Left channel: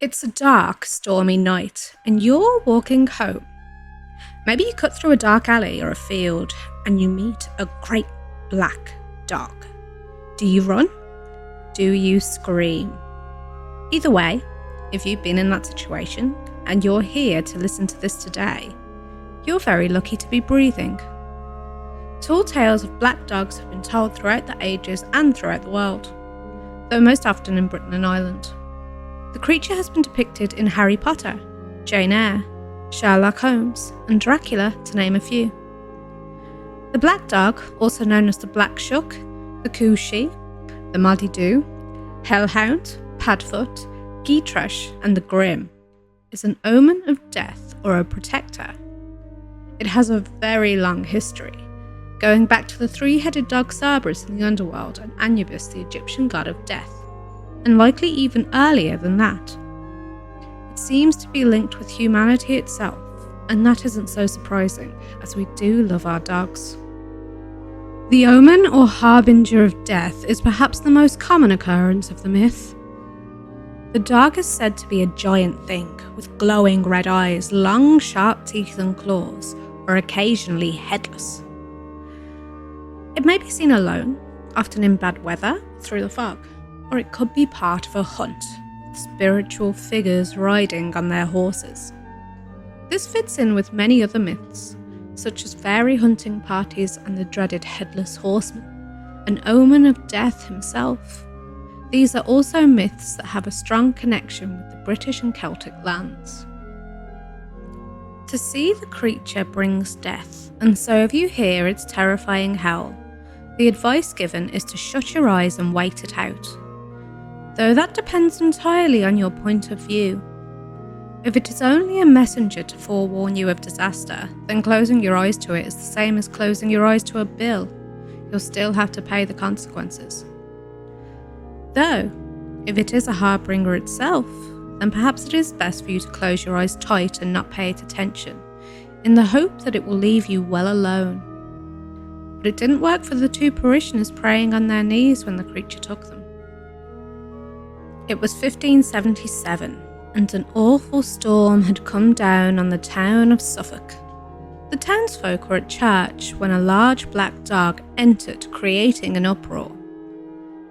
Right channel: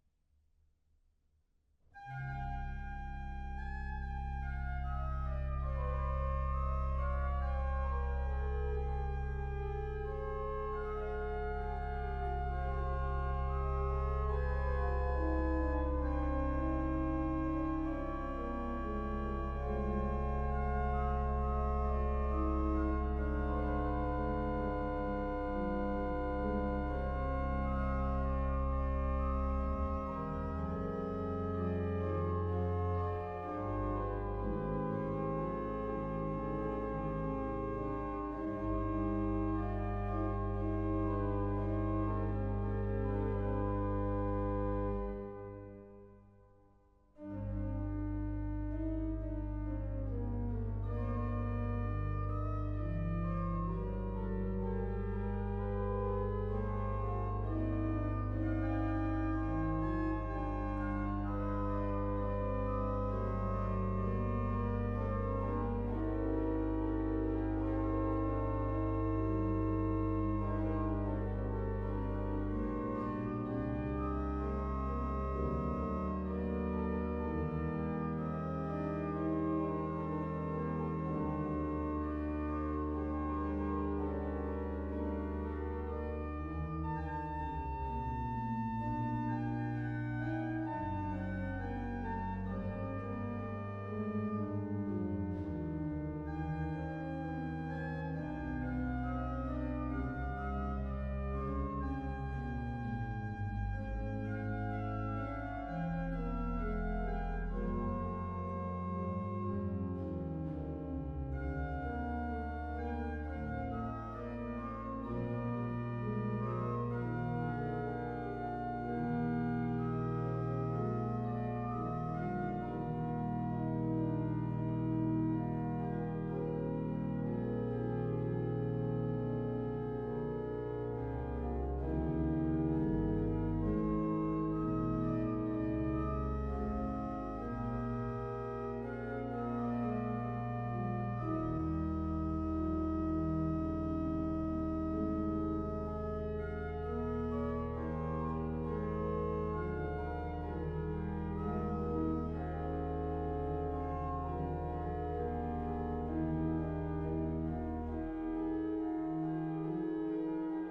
It's a dark, stormy night, and you're walking home. Maybe you cut through a dark alley or a field, and you meet a great black dog. Do you run? Do you scream? Either way, if you've been in that situation, and you're here to listen to this today, you're very lucky to be breathing. Tall tales of black dogs have been told throughout the ages and throughout the world, though most often in Britain and Ireland. The creature has been depicted in Harry Potter, Jane Eyre, Sherlock Holmes, and Dracula, to name a few. The black dog, also known as the black shuck, the cooshie, the Maddy-Doo, hellhound, padfoot, gytrash, and the grim, is an omen of death or a protector. It has a very long history, going back to the three-headed dog Cerberus in the underworld and Anubis, the Egyptian god of death, and likely even earlier than that. It seems to be linked with humanity itself, and that isn't so surprising, as we do love our dogs. The omen or harbinger of death is perhaps the most common occurrence of the myth. The dog is said to be a giant thing with glowing red eyes, long sharp teeth and claws, or occasionally headless. It may be seen alone, often in bad weather, through the fog, or it could be part of a hunt, with spiritual figures riding on their horses. This fits in with many other myths, such as fairy hunting parties and the dreaded headless horseman, an omen of death himself. These are also myths that have a strong connection with the British and Celtic lands. To see the creature brings death, and so if you hear its terrifying howl, the advice given is to shut your eyes and wait it out. Though that depends entirely on your point of view. If it is only a messenger to forewarn you of disaster, then closing your eyes to it is the same as closing your eyes to a bill. You'll still have to pay the consequences. Though, if it is a harbinger itself, then perhaps it is best for you to close your eyes tight and not pay it attention, in the hope that it will leave you well alone. But it didn't work for the two parishioners praying on their knees when the creature took them. It was 1577, and an awful storm had come down on the town of Suffolk. The townsfolk were at church when a large black dog entered, creating an uproar.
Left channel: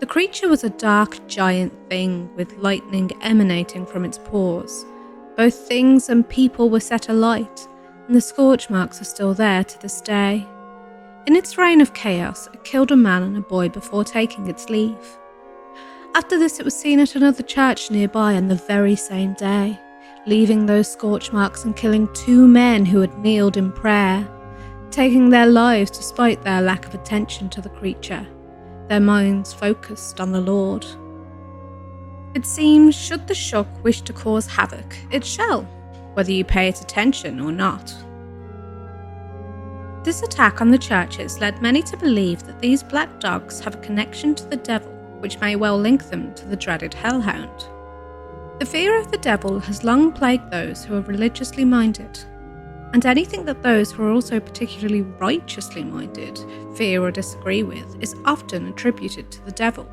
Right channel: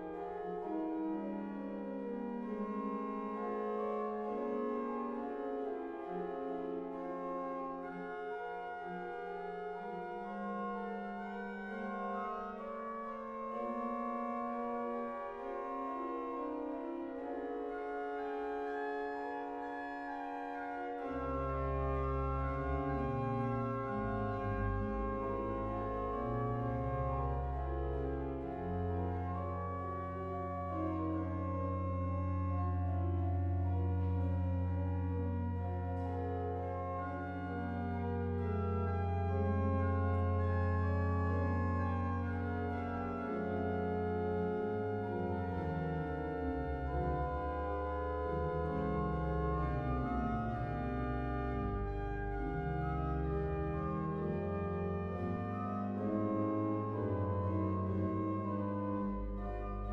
The creature was a dark giant thing with lightning emanating from its paws. Both things and people were set alight, and the scorch marks are still there to this day. In its reign of chaos, it killed a man and a boy before taking its leave. After this, it was seen at another church nearby on the very same day, leaving those scorch marks and killing two men who had kneeled in prayer, taking their lives despite their lack of attention to the creature, their minds focused on the Lord. It seems, should the shuck wish to cause havoc, it shall, whether you pay it attention or not. This attack on the churches led many to believe that these black dogs have a connection to the devil, which may well link them to the dreaded hellhound. The fear of the devil has long plagued those who are religiously minded, and anything that those who are also particularly righteously minded fear or disagree with is often attributed to the devil.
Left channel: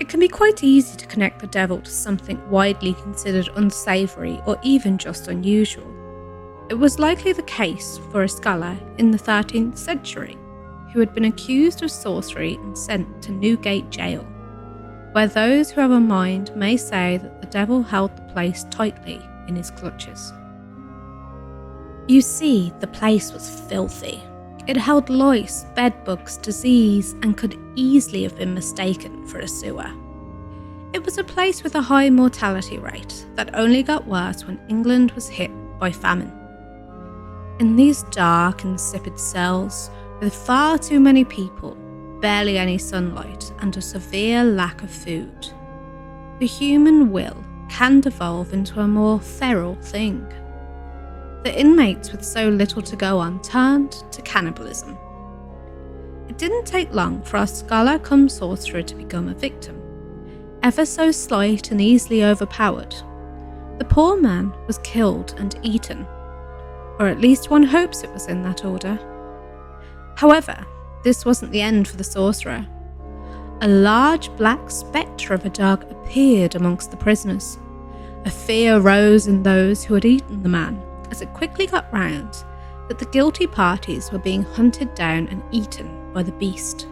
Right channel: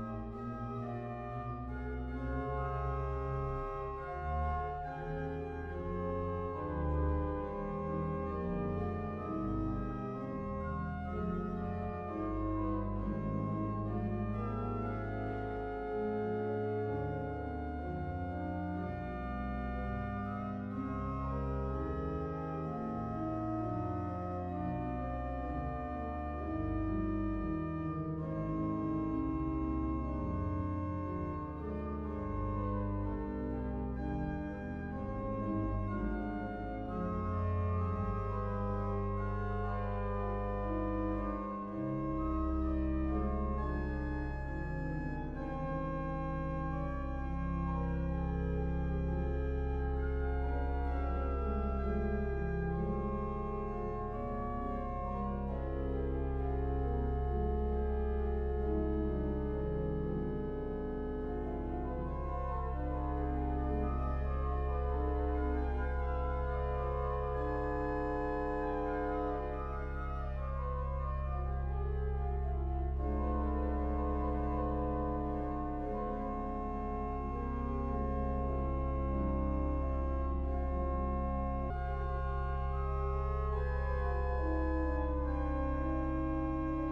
It can be quite easy to connect the devil to something widely considered unsavoury or even just unusual. It was likely the case for a scholar in the 13th century who had been accused of sorcery and sent to Newgate Jail, where those who have a mind may say that the devil held the place tightly in his clutches. You see, the place was filthy. It held lice, bedbugs, disease, and could easily have been mistaken for a sewer. It was a place with a high mortality rate that only got worse when England was hit by famine. In these dark, insipid cells, with far too many people, barely any sunlight, and a severe lack of food, the human will can devolve into a more feral thing. The inmates with so little to go on turned to cannibalism. It didn't take long for our scholar cum sorcerer to become a victim. Ever so slight and easily overpowered, the poor man was killed and eaten, or at least one hopes it was in that order. However, this wasn't the end for the sorcerer. A large black spectre of a dog appeared amongst the prisoners, A fear rose in those who had eaten the man, as it quickly got round that the guilty parties were being hunted down and eaten by the beast.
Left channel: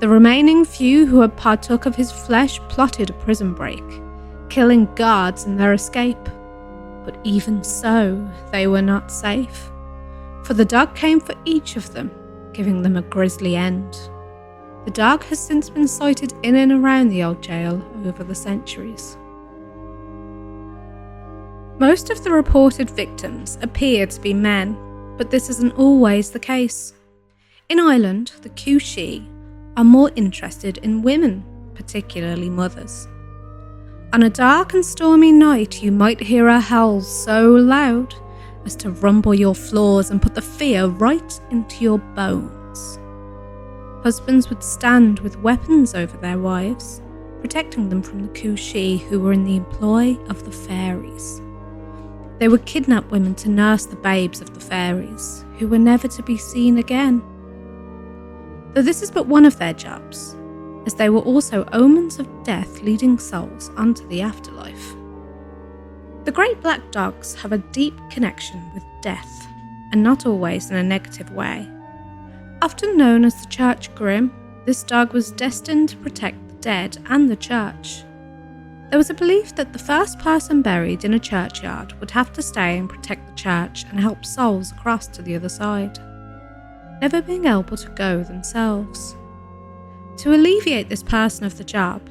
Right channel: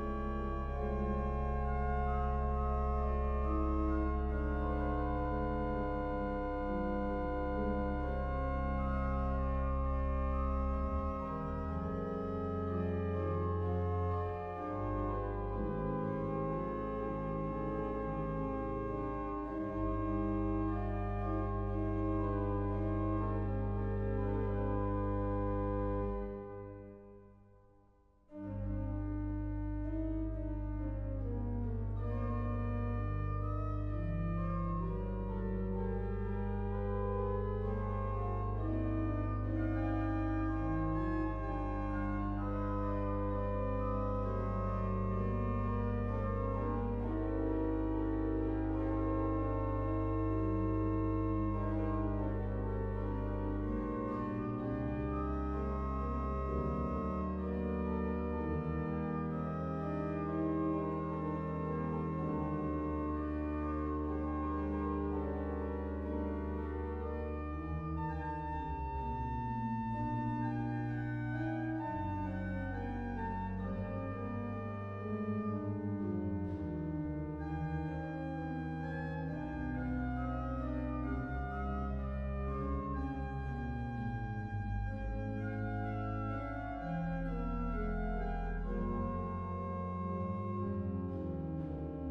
The remaining few who had partook of his flesh plotted a prison break, killing guards in their escape. But even so, they were not safe, for the dog came for each of them, giving them a grisly end. The dog has since been sighted in and around the old jail over the centuries. Most of the reported victims appear to be men, but this isn't always the case. In Ireland, the Cúisí are more interested in women, particularly mothers. On a dark and stormy night, you might hear her howls so loud as to rumble your floors and put the fear right into your bones. Husbands would stand with weapons over their wives, protecting them from the Cúisí who were in the employ of the fairies. They would kidnap women to nurse the babes of the fairies, who were never to be seen again. Though this is but one of their jobs, as they were also omens of death leading souls onto the afterlife. The great black dogs have a deep connection with death, and not always in a negative way. Often known as the Church Grim, this dog was destined to protect the dead and the church. There was a belief that the first person buried in a churchyard would have to stay and protect the church and help souls across to the other side, never being able to go themselves. To alleviate this person of the job,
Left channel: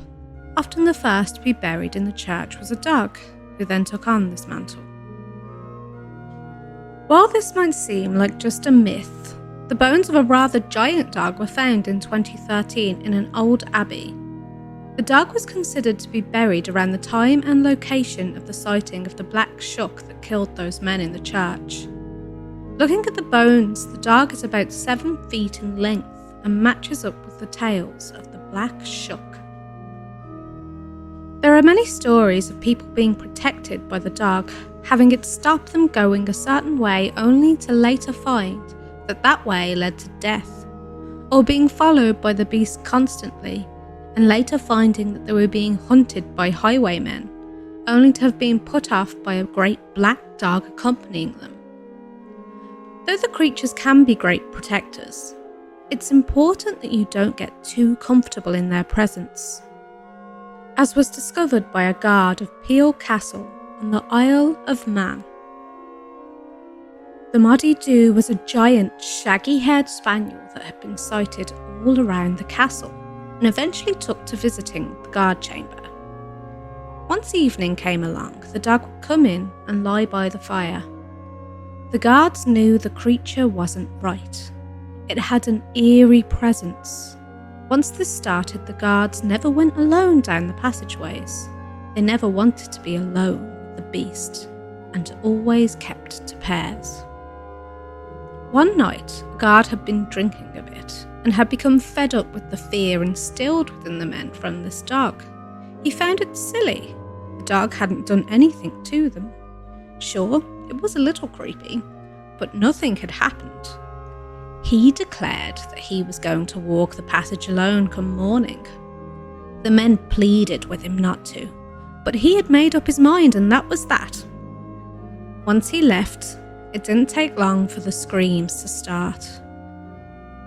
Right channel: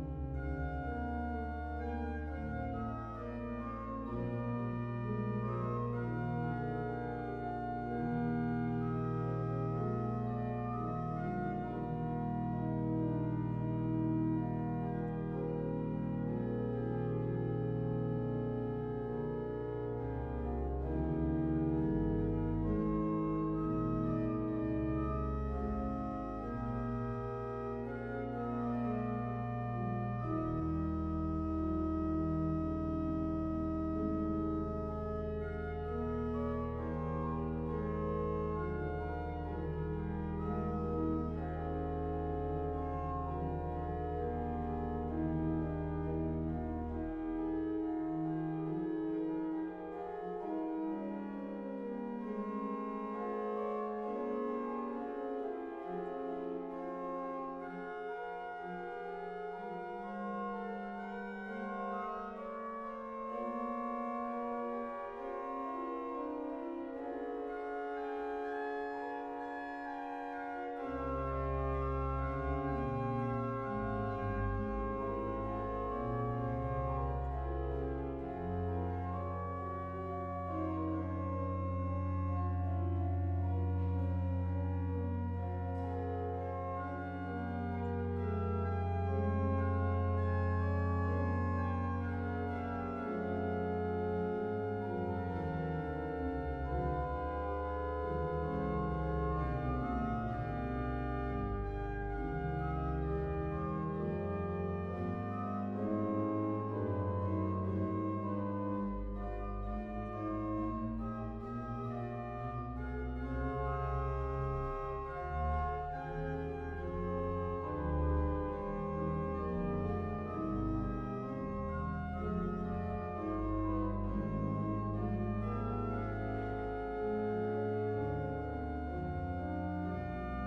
often the first to be buried in the church was a dog, who then took on this mantle. While this might seem like just a myth, the bones of a rather giant dog were found in 2013 in an old abbey. The dog was considered to be buried around the time and location of the sighting of the black shuck that killed those men in the church. Looking at the bones, the dog is about 7 feet in length and matches up with the tails of the black shuck. There are many stories of people being protected by the dog, having it stop them going a certain way only to later find that that way led to death, or being followed by the beast constantly and later finding that they were being hunted by highwaymen, only to have been put off by a great black dog accompanying them. Though the creatures can be great protectors, it's important that you don't get too comfortable in their presence, as was discovered by a guard of Peel Castle on the Isle of Man. The Moddy Doo was a giant, shaggy-haired spaniel that had been sighted all around the castle, and eventually took to visiting the guard chamber. Once evening came along, the dog would come in and lie by the fire. The guards knew the creature wasn't right. It had an eerie presence. Once this started, the guards never went alone down the passageways. They never wanted to be alone with the beast, and always kept to pairs. One night, a guard had been drinking a bit, and had become fed up with the fear instilled within the men from this dog. He found it silly. The dog hadn't done anything to them. Sure, it was a little creepy, but nothing had happened. He declared that he was going to walk the passage alone come morning. The men pleaded with him not to, but he had made up his mind, and that was that. Once he left, it didn't take long for the screams to start.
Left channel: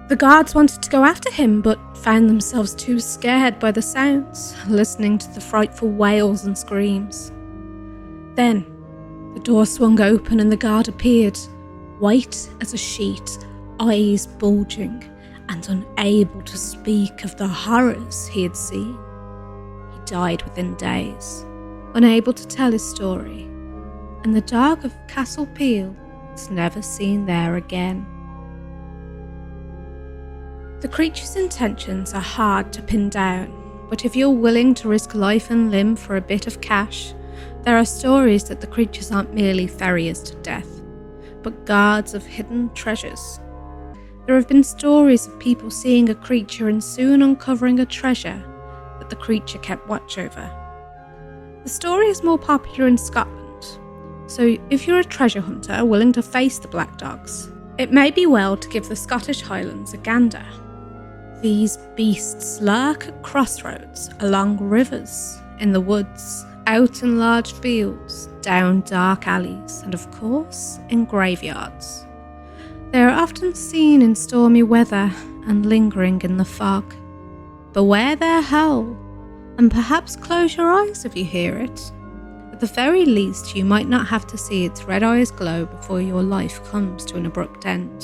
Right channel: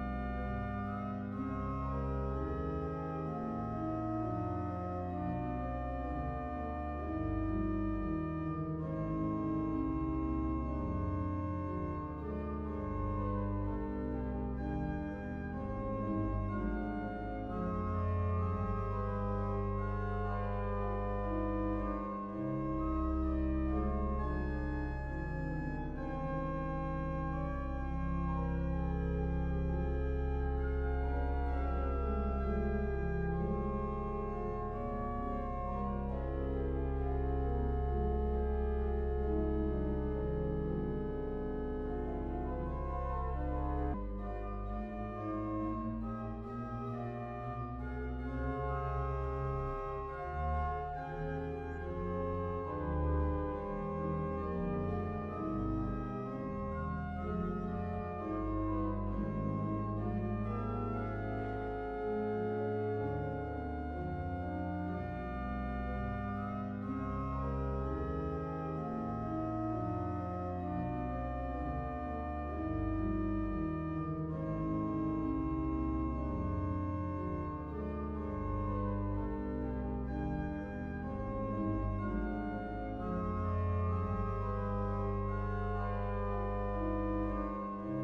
The guards wanted to go after him, but found themselves too scared by the sounds, listening to the frightful wails and screams. Then, the door swung open and the guard appeared, white as a sheet, eyes bulging, and unable to speak of the horrors he had seen. He died within days, unable to tell his story, and the dog of Castle Peel was never seen there again. The creature's intentions are hard to pin down, but if you're willing to risk life and limb for a bit of cash, there are stories that the creatures aren't merely ferriers to death, but guards of hidden treasures. There have been stories of people seeing a creature and soon uncovering a treasure that the creature kept watch over. The story is more popular in Scotland, so if you're a treasure hunter willing to face the black dogs, it may be well to give the Scottish Highlands a gander. These beasts lurk at crossroads, along rivers, in the woods, Out in large fields, down dark alleys, and of course, in graveyards. They are often seen in stormy weather and lingering in the fog. Beware their howl, and perhaps close your eyes if you hear it. At the very least, you might not have to see its red eyes glow before your life comes to an abrupt end.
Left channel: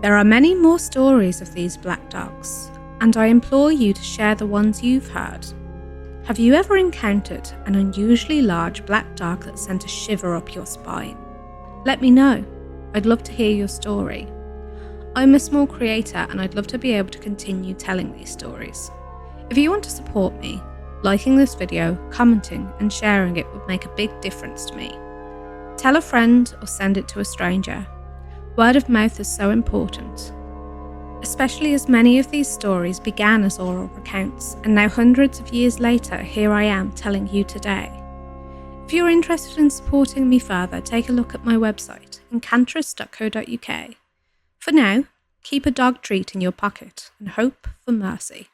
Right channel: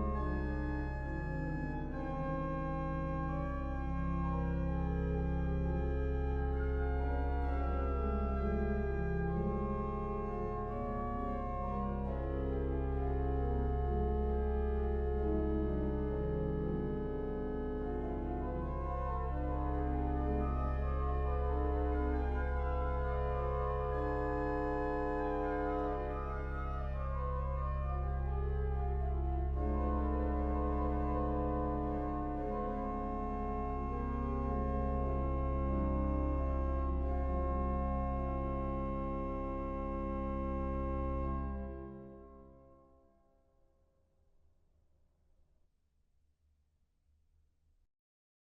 There are many more stories of these black dogs, and I implore you to share the ones you've heard. Have you ever encountered an unusually large black dog that sent a shiver up your spine? Let me know. I'd love to hear your story. I'm a small creator and I'd love to be able to continue telling these stories. If you want to support me, liking this video, commenting and sharing it would make a big difference to me. Tell a friend or send it to a stranger. Word of mouth is so important, especially as many of these stories began as oral accounts, and now hundreds of years later, here I am telling you today. If you're interested in supporting me further, take a look at my website, enchantress.co.uk. For now, keep a dog treat in your pocket and hope for mercy.